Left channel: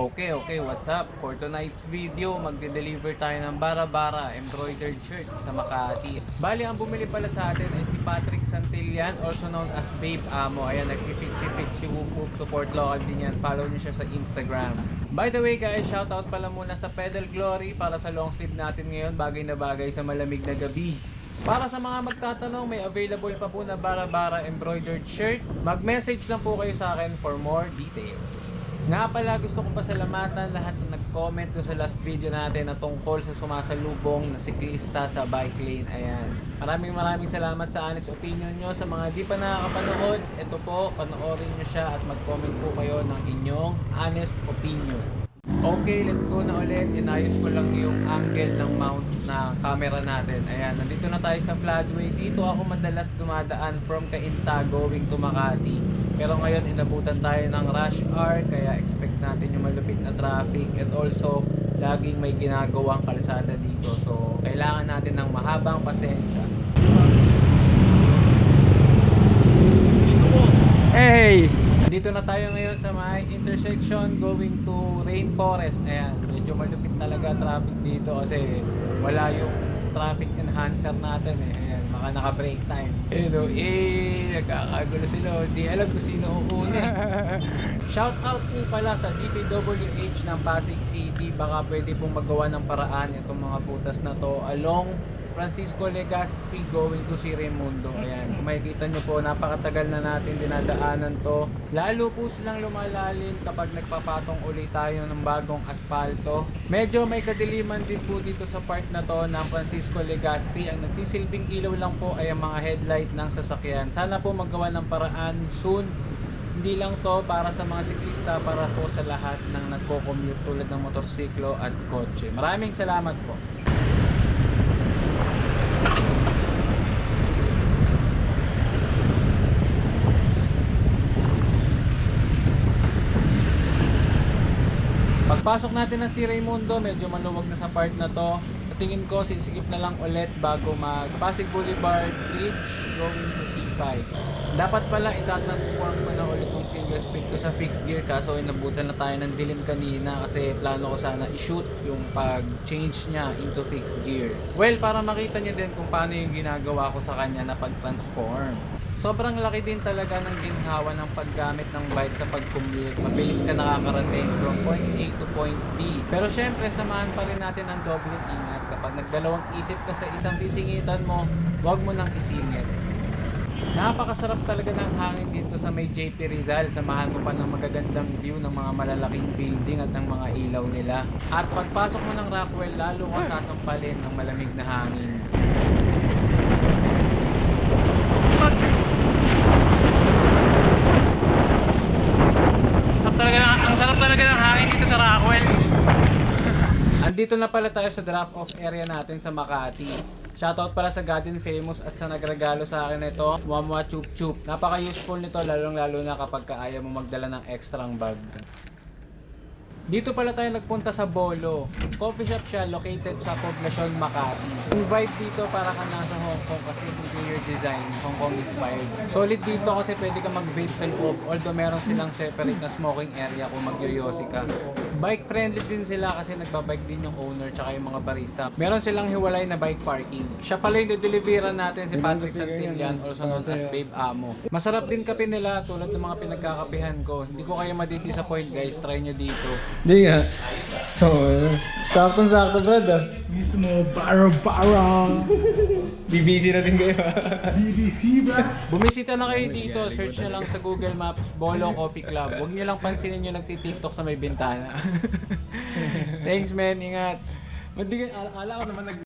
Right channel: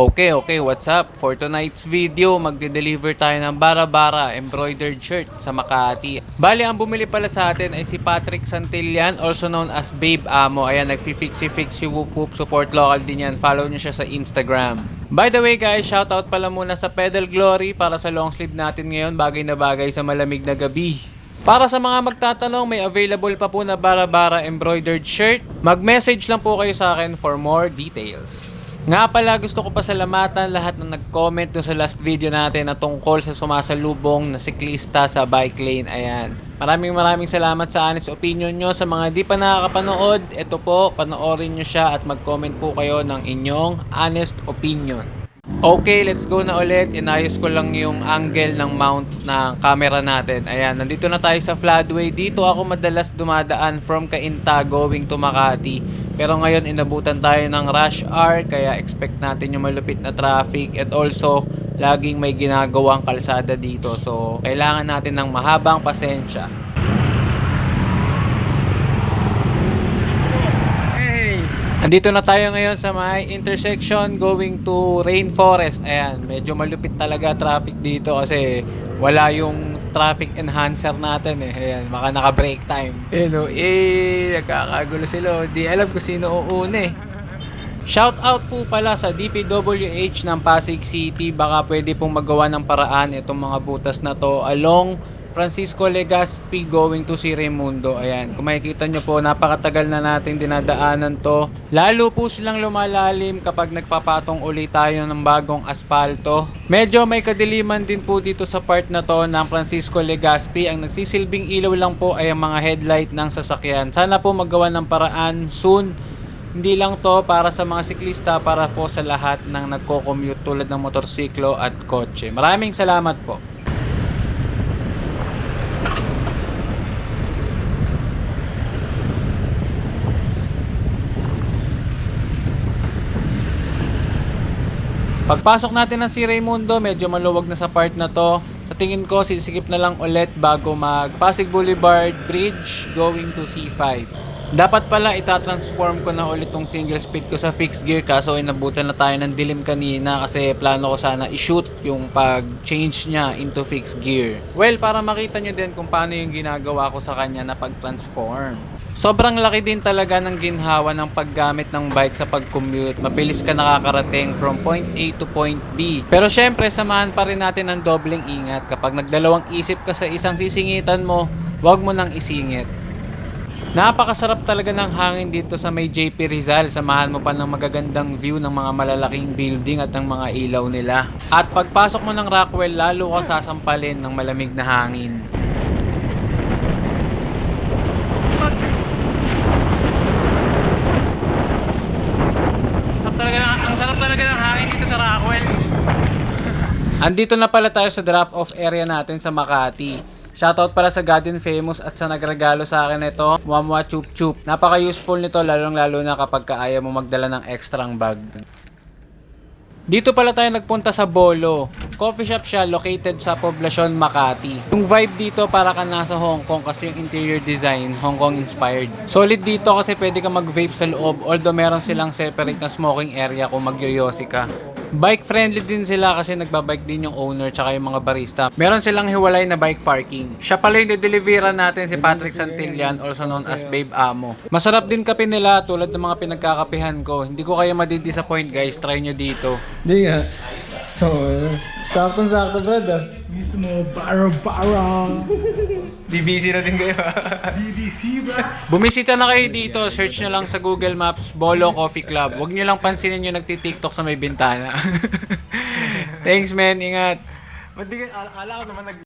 Okay, what's up? For tonight's video, magde-deliver tayo ng bara-bara embroidered shirt sa Makati. Bali, ang bumili pala sa atin ay si Patrick Santillan, also known as Babe Amo. Ayan, nagfi-fix si Whoop Whoop. Support local din yan. Follow nyo siya sa Instagram. By the way guys, shoutout pala muna sa Pedal Glory para sa long sleeve natin ngayon. Bagay na bagay sa malamig na gabi. Para sa mga magtatanong, may available pa po na bara-bara embroidered shirt. Mag-message lang po kayo sa akin for more details. Nga pala, gusto ko pasalamatan lahat ng nag-comment dun sa last video natin na tungkol sa sumasalubong na siklista sa bike lane. Ayan. Maraming salamat sa honest opinion nyo. Sa mga di pa nakakapanood, ito po, panoorin nyo siya at mag-comment po kayo ng inyong honest opinion. Okay, let's go na ulit. Inayos ko lang yung angle ng mount ng camera natin. Ayan, nandito na tayo sa floodway. Dito ako madalas dumadaan from Cainta going to Makati. Pero ngayon inabutan tayo ng rush hour, kaya expect natin yung malupit na traffic. And also, laging may ginagawang kalsada dito. So, kailangan natin ng mahabang pasensya. Hey! Andito na tayo ngayon sa may intersection going to Rainforest. Ayan, medyo malupit talaga traffic dito kasi wala yung traffic enhancer natin eh. Ayan, baka naka-break time. Nagkakagulo sila. Di alam kung sino uuna eh. Shout out po pala sa DPWH ng Pasig City. Baka pwede pong magawa ng paraan itong mga butas na to along Francisco Legazpi going to si Raimundo. Ayan, kung makikita nyo po, napakatagal na natin dinadaanan to. Lalo po silang lumalalim kapag nagpapatong ulit tayo ng bagong asfalto. Medyo may kadiliman din po dito sa part na to ng Francisco Legazpi. Ang nagsisilbing ilaw lang po ay ang mga headlight ng sasakyan. Sana po magawa ng paraan soon. Hindi lang to para sa mga siklista, para po sa lahat ng nagko-commute tulad ng motorsiklo at kotse. Maraming salamat po. Pagpasok natin ng si Raimundo, medyo maluwag na sa part na to. Sa tingin ko, sisikip na lang ulit bago mag Pasig Boulevard Bridge going to C5. Dapat pala itatransform ko na ulit tong single speed ko sa fixed gear, kaso inabutan na tayo ng dilim kanina kasi plano ko sana i-shoot yung pag-change niya into fixed gear. Well, para makita nyo din kung paano yung ginagawa ko sa kanya na pag-transform. Sobrang laki din talaga ng ginhawa ng paggamit ng bike sa pag-commute. Mabilis ka nakakarating from point A to point B. Pero syempre, samahan pa rin natin ng dobleng ingat. Kapag nagdalawang isip ka sa isang sisingitan mo, huwag mo nang isingit. Napakasarap talaga ng hangin dito sa may JP Rizal. Samahan mo pa ng magagandang view ng mga malalaking building at ng mga ilaw nila. At pagpasok mo ng Rockwell, lalo ka sasampalin ng malamig na hangin. Ang sarap talaga ng hangin dito sa Rockwell. Andito na pala tayo sa drop-off area natin sa Makati. Shoutout pala sa Garden Famous at sa nagregalo sa akin ito, Mwamwa Chup Chup. Napaka-useful nito lalong-lalo na kapag ayaw mo magdala ng extrang bag. Dito pala tayo nagpunta sa Bolo. Coffee shop siya located sa Poblacion, Makati. Yung vibe dito para ka nasa Hong Kong kasi yung interior design, Hong Kong inspired. Solid dito kasi pwede ka mag-vape sa loob, although meron silang separate na smoking area kung magyoyosi ka. Bike friendly din sila kasi nagbabike din yung owner tsaka yung mga barista. Meron silang hiwalay na bike parking. Siya pala yung nideliveran natin, si Patrick Santillan, also known as Babe Amo. Masarap din kape nila tulad ng mga pinagkakapihan ko. Hindi ko kayo madidisappoint guys, try nyo dito. Hindi nga. So, sakto-sakto brad ah. Gusto mo bara-bara. BBC na din kayo. BBC ba? Bumisita na kayo dito, search nyo lang sa Google Maps, Bolo Coffee Club. Huwag nyo lang pansinin yung nagtitiktok sa may bintana. Thanks men, ingat. Akala ko naman